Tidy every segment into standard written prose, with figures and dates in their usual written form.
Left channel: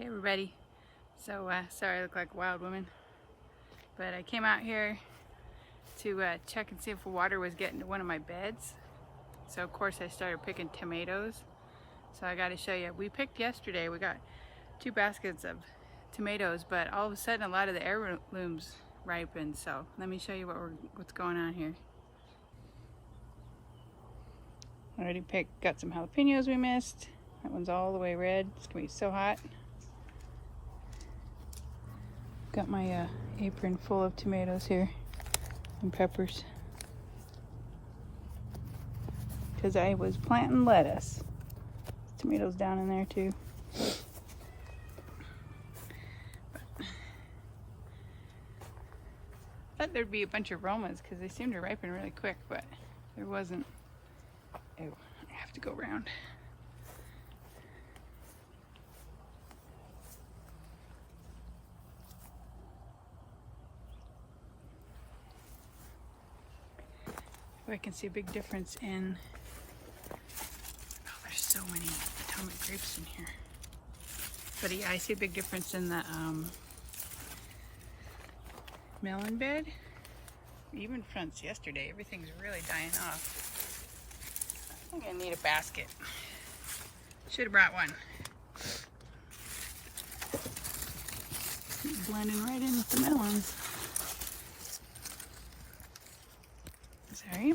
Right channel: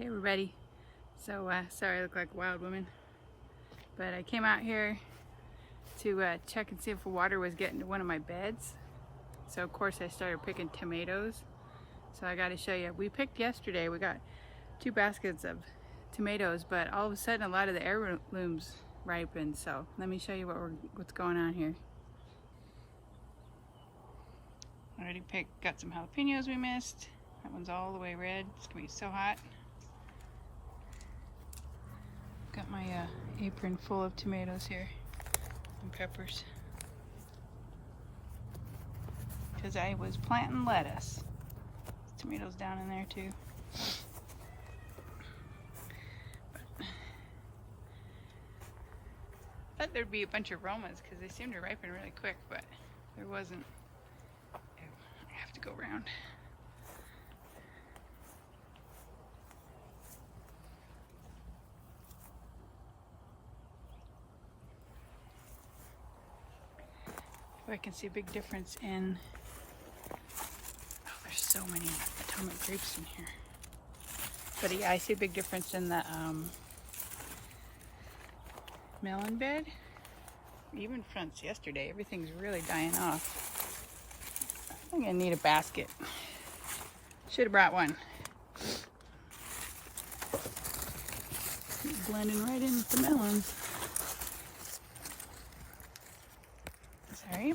Hey everybody. So sorry I look like a wild woman, but I came out here to check and see if the water was getting to one of my beds. So of course I started picking tomatoes. So I got to show you. We picked yesterday. We got 2 baskets of tomatoes, but all of a sudden a lot of the heirlooms ripened. So let me show you what's going on here. Already got some jalapenos we missed. That one's all the way red. It's gonna be so hot. Got my apron full of tomatoes here and peppers because I was planting lettuce. Tomatoes down in there too. But I thought there'd be a bunch of Romas because they seem to ripen really quick, but there wasn't. Oh, I have to go around. I can see a big difference in, oh, there's so many atomic grapes in here. But yeah, I see a big difference in the melon bed. Even from yesterday, everything's really dying off. I'm gonna need a basket. Should have brought one. Keep blending right in with the melons. Sorry.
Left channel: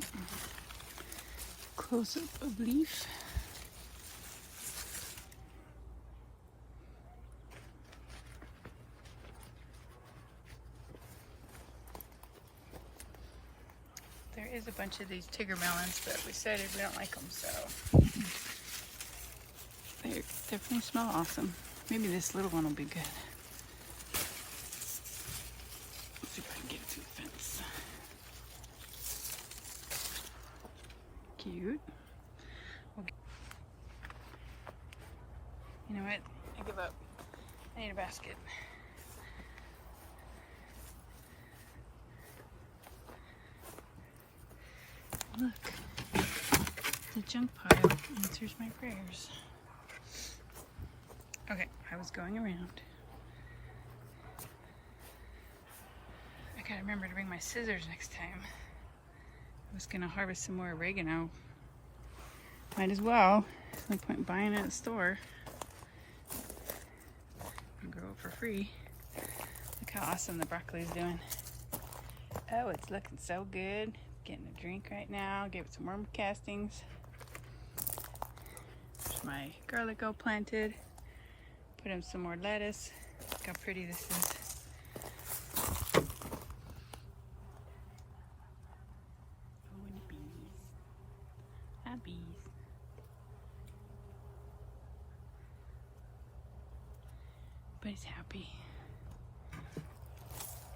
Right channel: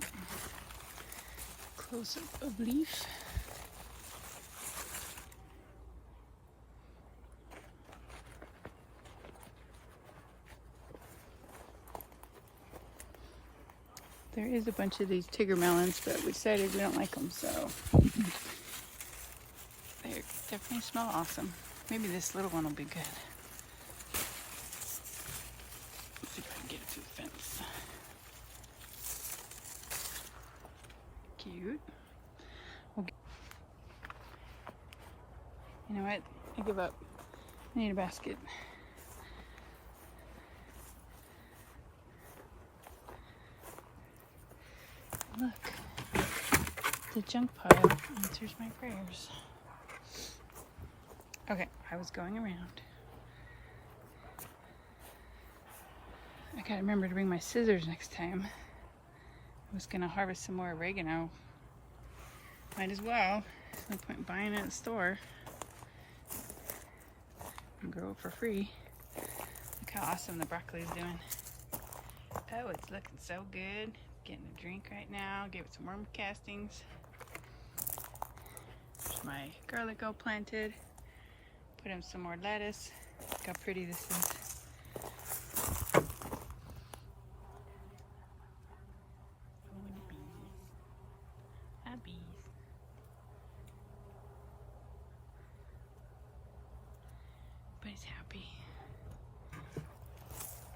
Close up of leaf. There is a bunch of these Tigger melons, but we decided we don't like them, so they definitely smell awesome. Maybe this little one will be good. Let's see if I can get it through the fence. Cute. You know what? I give up. I need a basket. Look, the junk pile answers my prayers. Okay, I was going around. I gotta remember to bring my scissors next time. I was gonna harvest some more oregano. Might as well. There's no point buying it at the store. And grow it for free. Look how awesome the broccoli is doing. Oh, it's looking so good. Getting a drink right now. Gave it some worm castings. There's my garlic all planted. Put in some more lettuce. Look how pretty this is. Bees. But he's happy.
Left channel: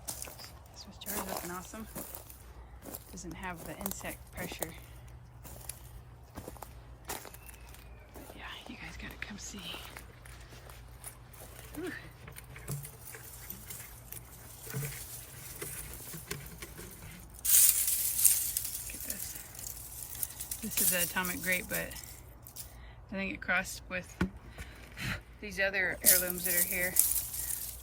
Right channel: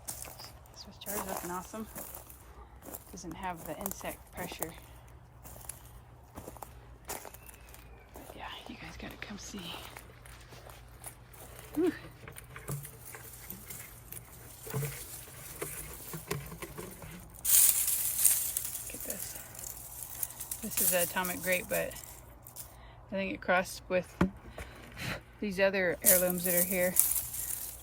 This jar is looking awesome. Doesn't have the insect pressure. But yeah, you guys gotta come see. Whew. This is an atomic grape, but I think it crossed with these other heirlooms that are here.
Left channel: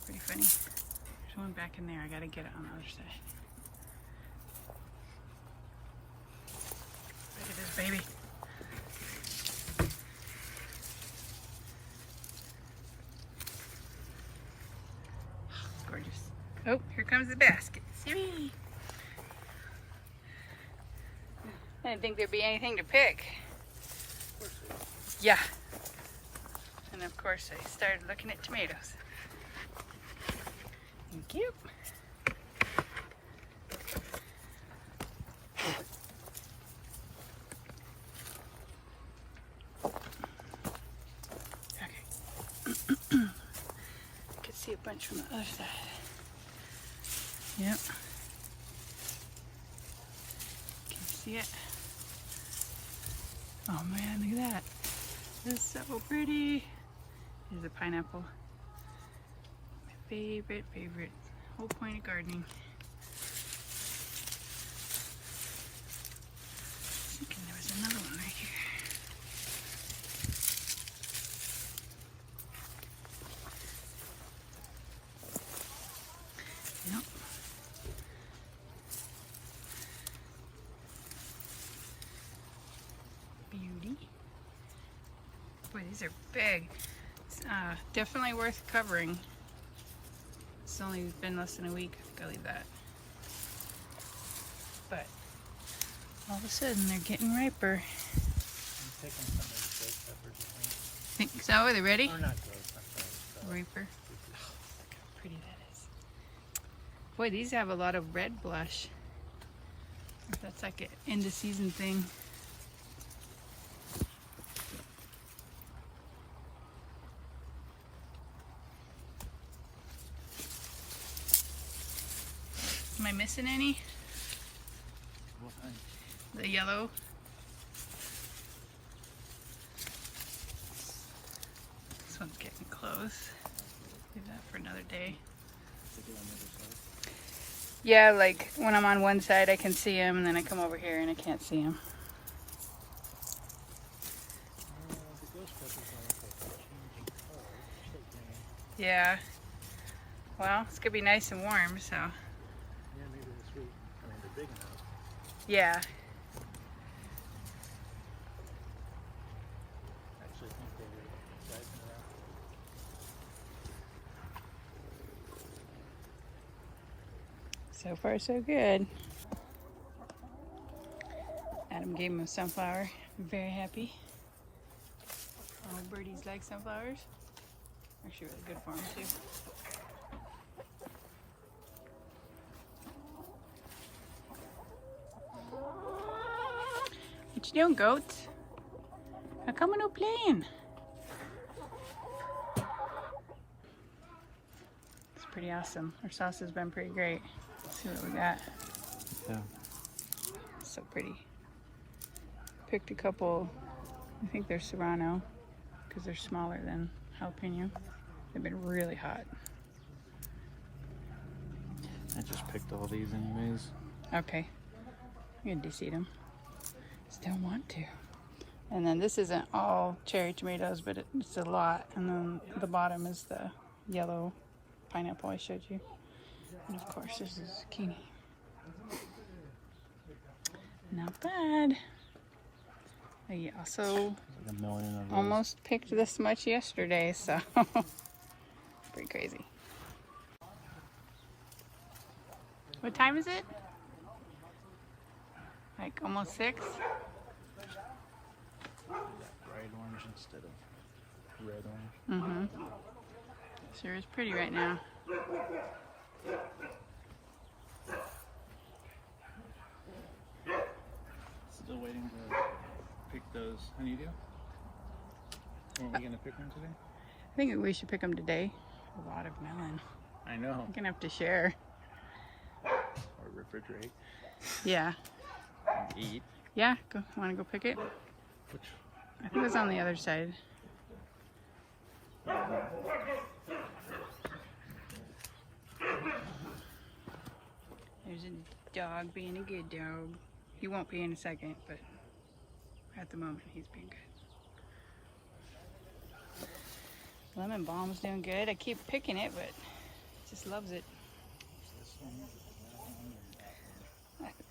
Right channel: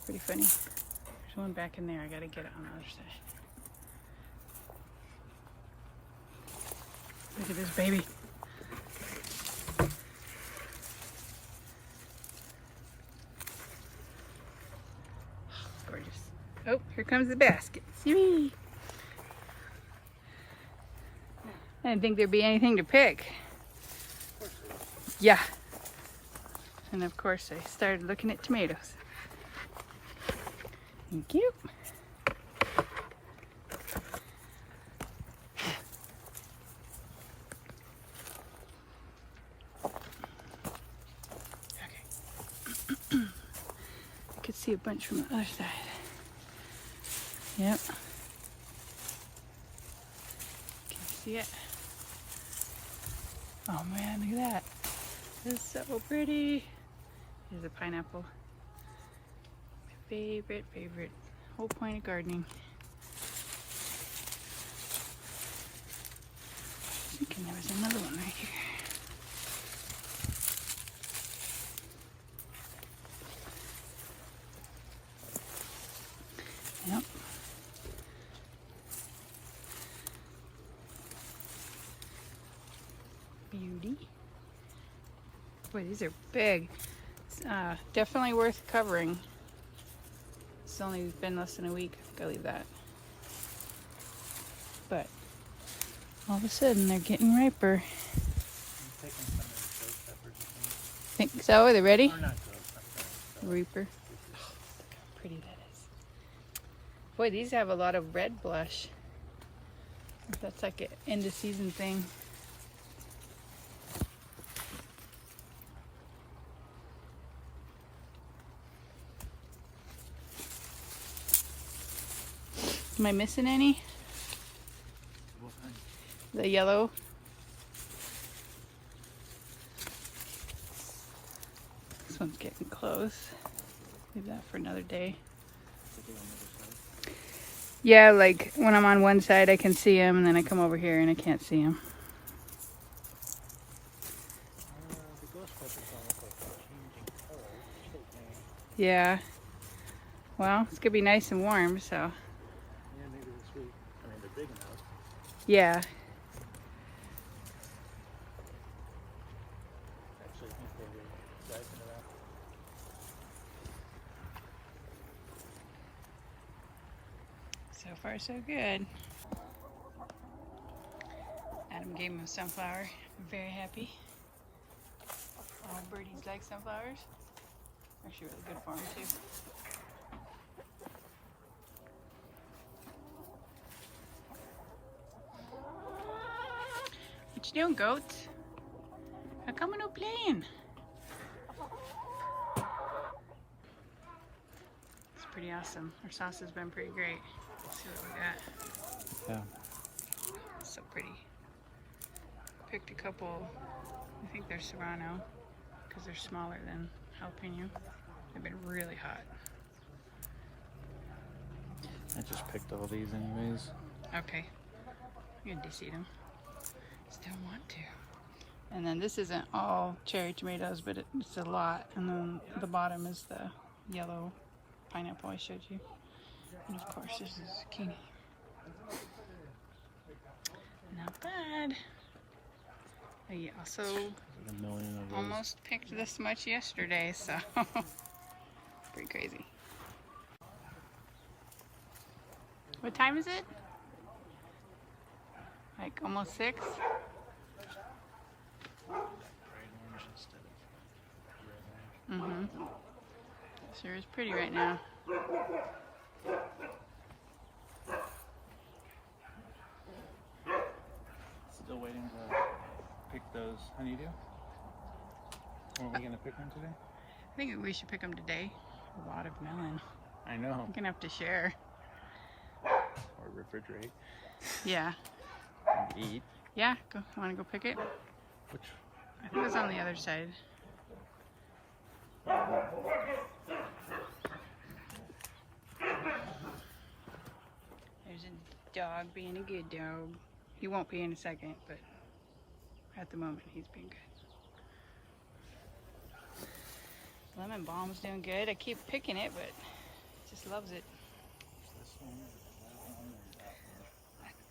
Pretty funny. There's one back in there. I gotta get it on the other side. Look at this baby. Gorgeous. Oh, here comes the basket. See me. I didn't think there'd be anything to pick. Yeah. And of course I started looking at tomatoes. Thank you. Okay. You can see a bunch from the other side. Yep. Can you see it? Oh man, look at that. This is so pretty. Here's a pineapple. My favorite. Whole point of gardening. I think there was another one right there. Boy, these are big. It's, definitely worth covering. It's only been less than a week, I believe that. But all of a sudden they're getting riper. I'm taking some of the ghost peppers, I think. Think so? Are they ready? Or not ghost, I'm sorry. Reaper. Oh, look how pretty that is. Boy, these have a lot of red blush. That's like an end of season thing. Am I missing any? What kind? The yellow. This one's getting close. Leave that for another day. Yeah, like when I'm on one side I can see them, and then I come over here and I can't see them. The ghost peppers don't look like they're changing color. They're still green. Yeah. Well, it's gonna be nice and warm, so. Yeah, maybe this week. I mean, they're big enough. Yeah. Actually, I think they're rising up. So far, so good. Adam gave him a sunflower. Very happy. All birdies like sunflowers. Actually, really good for them too. What you doing, goats? How come we're not playing? It's pretty awesome. Our sauce has been pretty great. See what we got. Yeah. So pretty. Picked a couple, I think they're Serrano, because they're smaller than jalapeno. They've been really hot. I just picked all these anyways. Okay. I'm gonna de-seed them. Still want to. And then this isn't all cherry tomatoes, but it's a lot. And then the bottom is the yellow pineapple I showed you. And of course there's the zucchini. Not bad. I also Like a million of those. almost picked this much yesterday, so pretty crazy. What time is it? Like almost 6? Fried ones instead of red ones. Mm-hmm. Sure is pretty right now. Still waiting to pick those honeydew. Are we gonna pick them today? I think we should pick them today. A lot of melon. I know. We're gonna have to share. Or refrigerate Yeah. and eat. Yeah, go. Want to go pick it? Which? I think it's on the other side. There's a dog being a good dog. He won't be in a second, but at the moment he's being good. Lemon balm's doing good. I keep picking it, but he just loves it. This one, that one,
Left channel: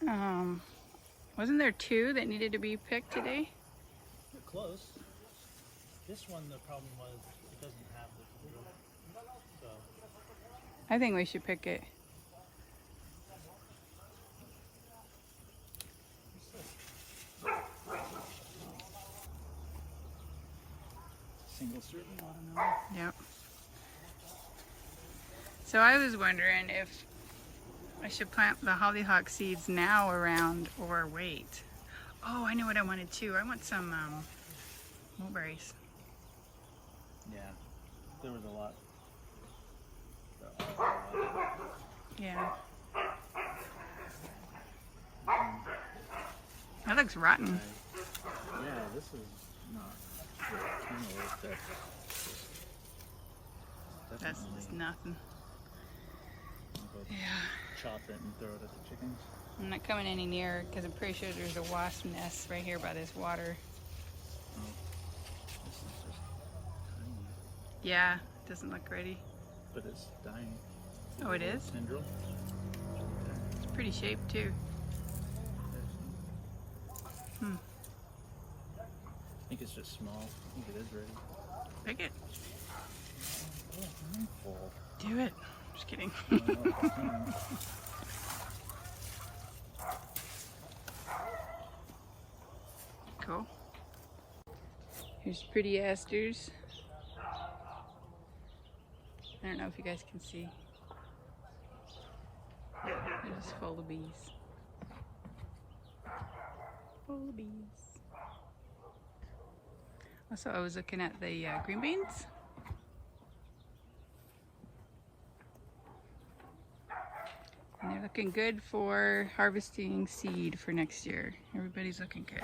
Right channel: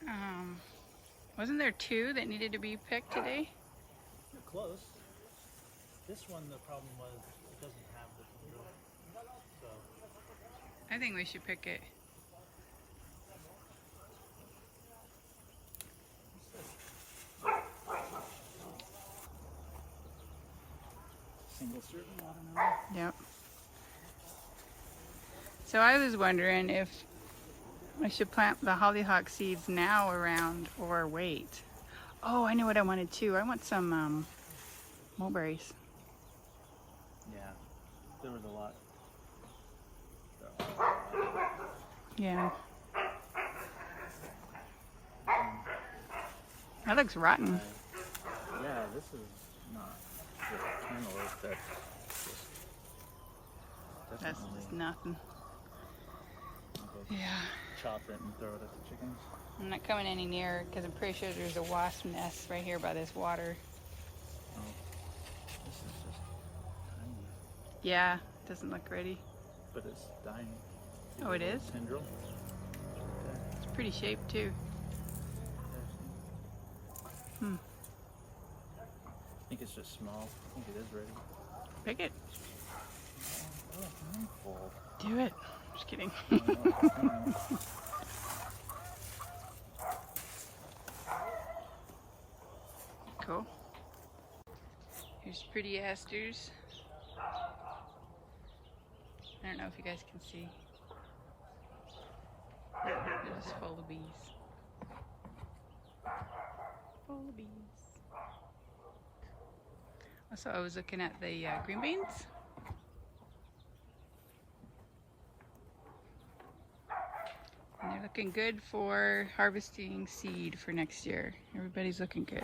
and that one. Wasn't there 2 that needed to be picked today? You're close. This one, the problem was it doesn't have the tendril. So I think we should pick it. single serving watermelon. Yep. So I was wondering if I should plant the hollyhock seeds now around or wait. Oh, I know what I wanted too. I want some mulberries. Yeah, there was a lot. There are a lot. Yeah. That looks rotten. Yeah, this is not really cantaloupe. That's That's definitely. just nothing. I'll go Yeah. chop it and throw it at the chickens. I'm not coming any nearer because I'm pretty sure there's a wasp nest right here by this water. Oh, this is just tiny, Yeah, doesn't look ready. but it's dying. Oh, it is? Tendril. Right there. It's pretty shaped too. I think it's just small. I think it is ready. Pick it. Oh, handful. Do it. Just kidding. I don't know if I can. Cool. Here's pretty asters. I don't know if you guys can see. They're just full of bees. Full of bees. Also, I was looking at the green beans. And they're looking good for harvesting seed for next year. Everybody's looking good.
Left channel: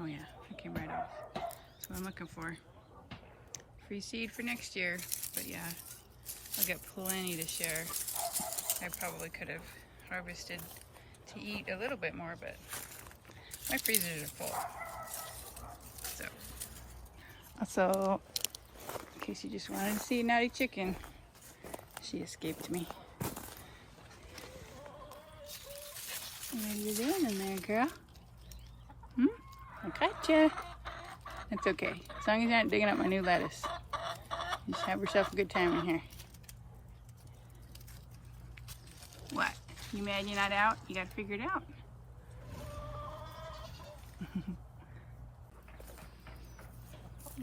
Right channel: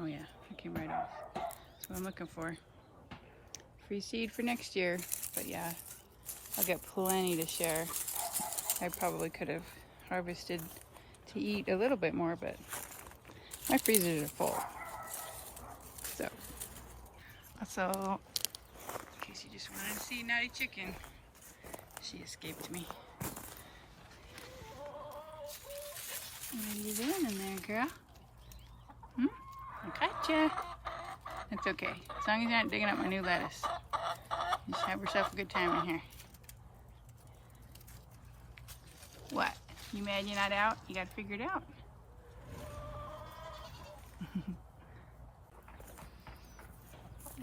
Oh yeah, it came right off. That's what I'm looking for. Free seed for next year. But yeah, I'll get plenty to share. I probably could have harvested to eat a little bit more, but my freezers are full. So, also, in case you just wanted to see Naughty Chicken, she escaped me. What are you doing in there, girl? I gotcha. That's okay. As long as you're not digging up my new lettuce. Just have yourself a good time in here. What? You mad you're not out? You gotta figure it out.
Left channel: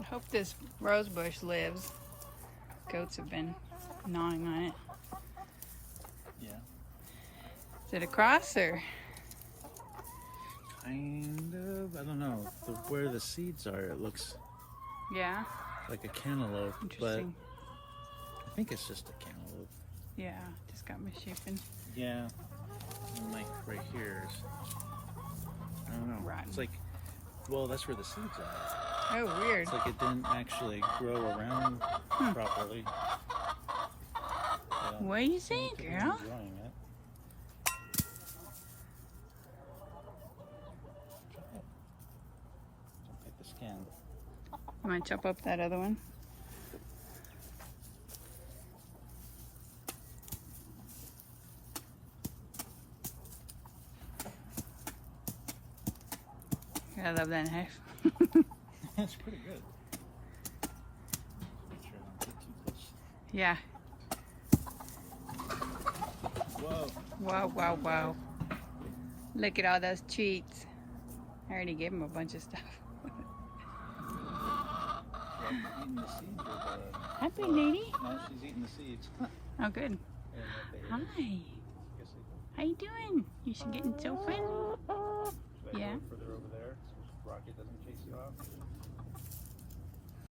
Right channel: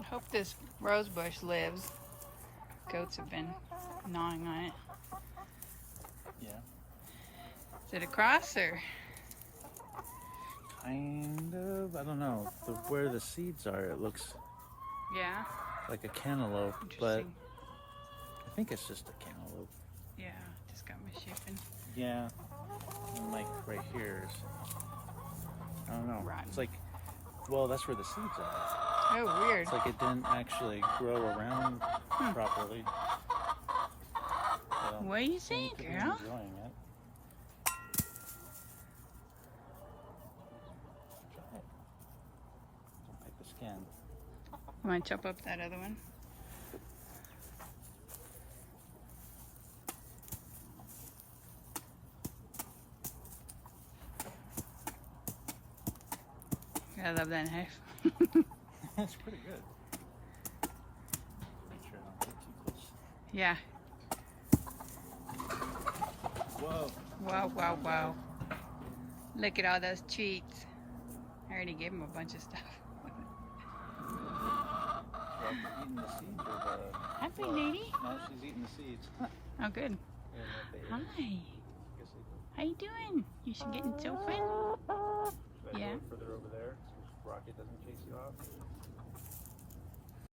I hope this rose bush lives. Goats have been gnawing on it. Yeah. Is it a cross or? Kind of. I don't know. Where the seeds are, it looks Yeah. like a cantaloupe. But Interesting. I think it's just a cantaloupe. Yeah, just got misshapen. Yeah. And like right here is, I don't know. Rotten. It's like, well, that's where the seeds are. Oh, weird. It's like it didn't actually grow around properly. So, What do you say, I think girl? I'm enjoying it. Don't bite the skin. I'm gonna chop up that other one. I love that knife. That's pretty good. Make sure I don't get too close. Yeah. Whoa. Wow, wow, wow. Look at all those treats. I already gave him a bunch of stuff. Eating the seeds of, Happy lady. no, she's eating the seeds. Oh, good. Hi. How you doing? You should getting so fun. Should I Yeah. go further over there so Rocket doesn't chase you off?